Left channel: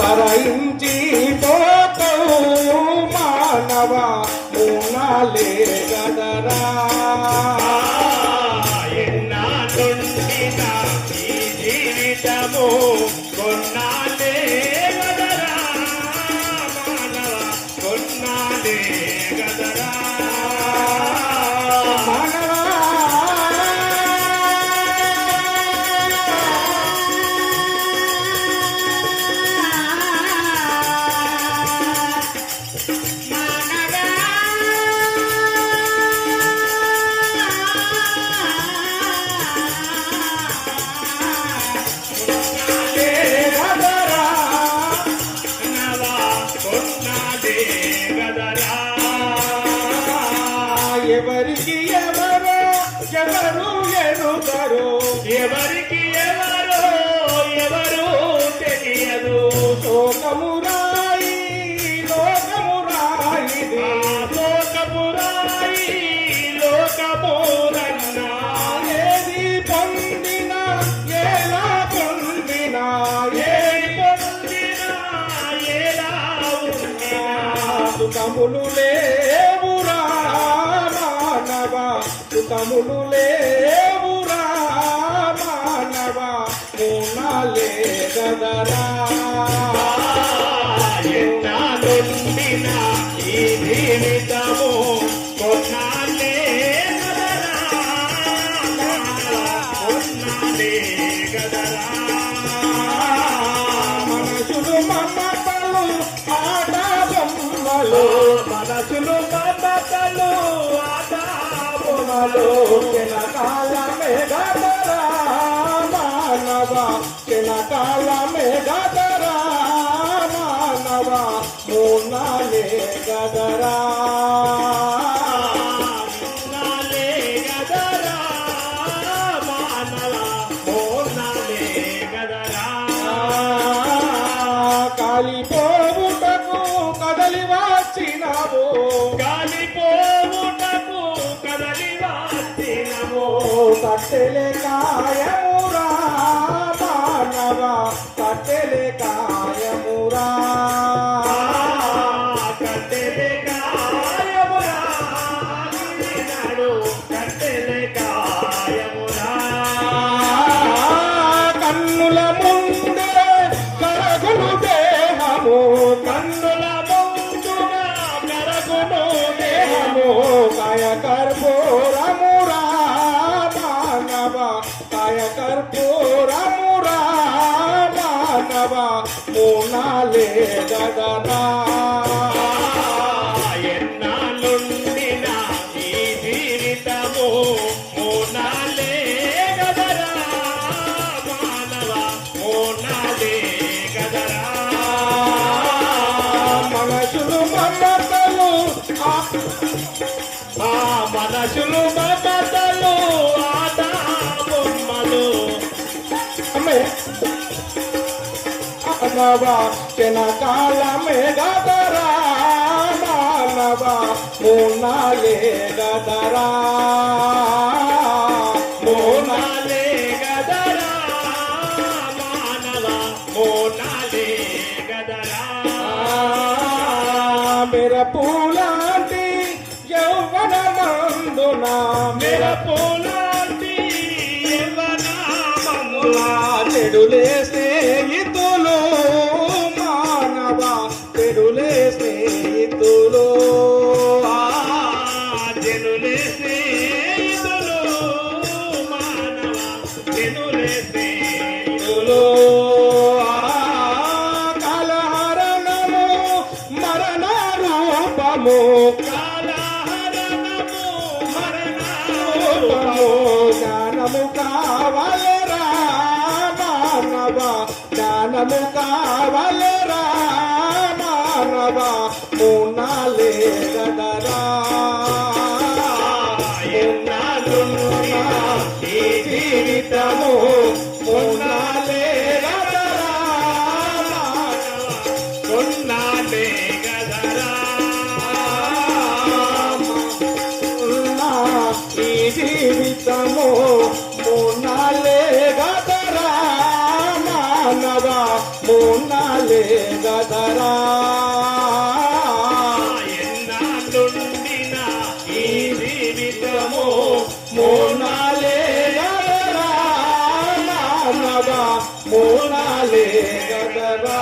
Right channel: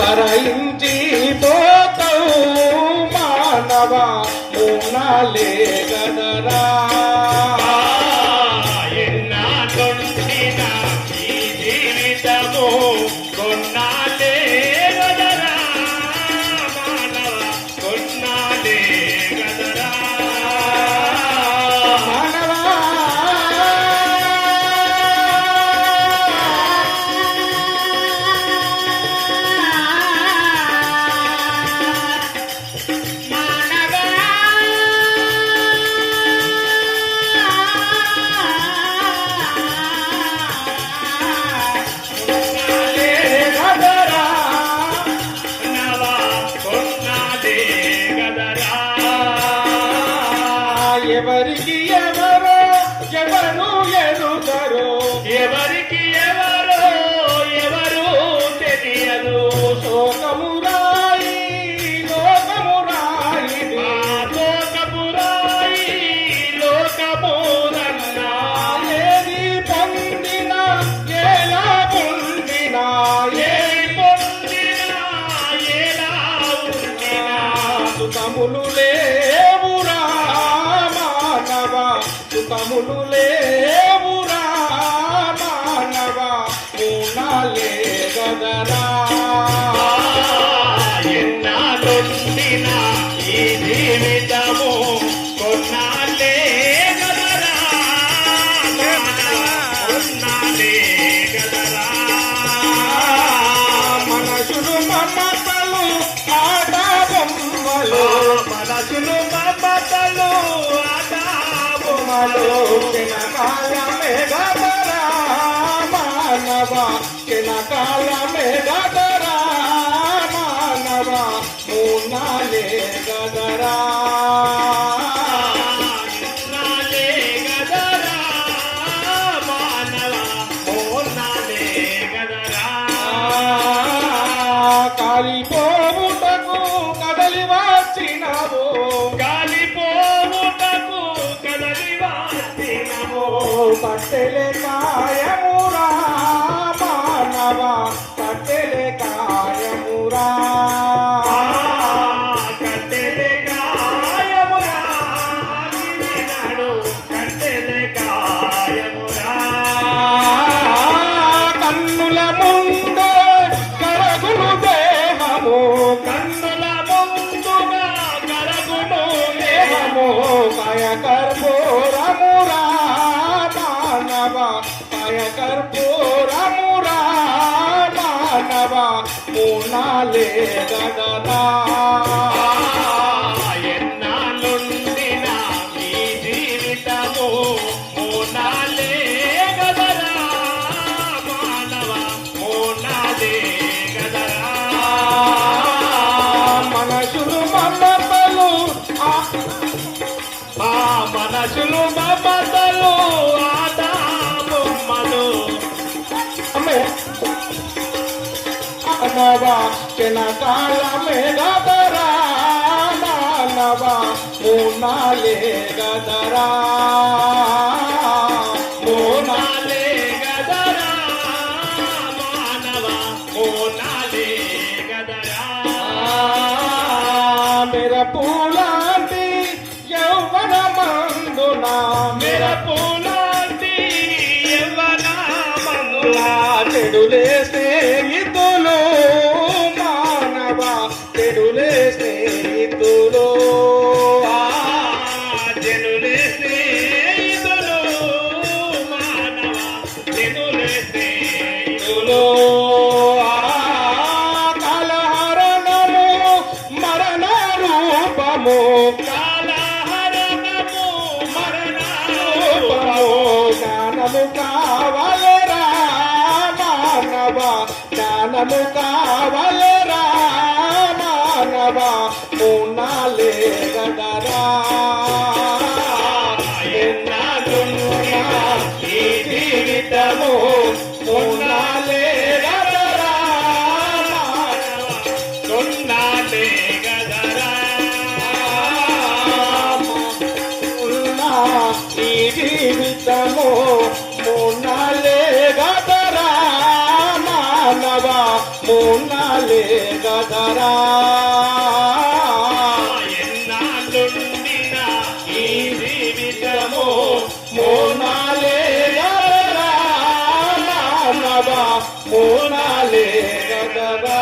తరయించి పోతవు మానవ మూనాలే గదరా ఎన్నాళ్ళుండిన ఈ జీవితము కొన్నాళ్ళే గదరా మానవ కొన్నాళ్ళే గదరా ఎవరికి ఎవరో ఎవరు ఎరుగరో ఎవరికి ఎవరో ఎవరు తెలియదు శోకమురాయి లోకమురాయి లోకపురాయి లోకమురన్నా ఏది పొందినా ఎలా పొందినా ఏది పొందినా ఎలా ఉండినా సుఖములు లేవురా మానవ సుఖములు లేవురా మానవ మూనాలే గదరా ఎన్నాళ్ళుండిన ఈ జీవితము కొన్నాళ్ళే గదరా మానవ కొన్నాళ్ళే గదరా మనసులు మమతలు ఆట బొమ్మలు మనసులు మమతలు బొమ్మలు కెనకాలమే గదరా మానవ కెనకాలమే గదరా మానవ మూనాలే గదరా నాలే గదరా మానవ మోనాలే గదరా కాలిపోవుటకు కదలి వచ్చినవు గాలిపోవుటకు కదలి వచ్చినము కట్టెలే కాయమురా మానవ కట్టెలే కాయమురా కట్టెలే కాయమురా కట్టెలే కాయమురా కన్నుల ముందే కరగులు దేహము కన్నుల ముందుగా కరగును దేహము కాయ కర్పూరమురా మానవ కాయ కర్పూరమురా మానవ మూనాలే గదరా ఎన్నాళ్ళుండిన ఈ జీవితము మూనాలే గదరా మానవ మూనాలే గదరా మనసులు మమతలు ఆ మనసులు మమతలు ఆట బొమ్మలు మానవ కెనకాలమే గదరా మానవ మూనాలే గదరా మూనాలే గదరా మానవ మూనాలే గదరా మెరపులాంటి యౌవనమందున మెరపులాంటి యవ్వనమములా చెడులే స్నేహితులు మానవ చెడులే స్నేహితులు జనులే స్నేహితులు మానవ జనులే స్నేహితులు కలహరణము మరణ రూపము కాలహరణము మరణ రూపము జ్ఞానము కావలరా మానవ జ్ఞానము కావలరా మానవ మూనాలే గదరా ఎన్నాళ్ళుండిన ఈ జీవితము మూనాలే గదరా కొన్నాళ్ళే గదరా ఈ జీవితము మూనాలే గదరా మానవ మూనాలే గదరా ఎన్నాళ్ళుండిన ఈ జీవితము మూనాలే గదరా మానవ మూనాలే గదరా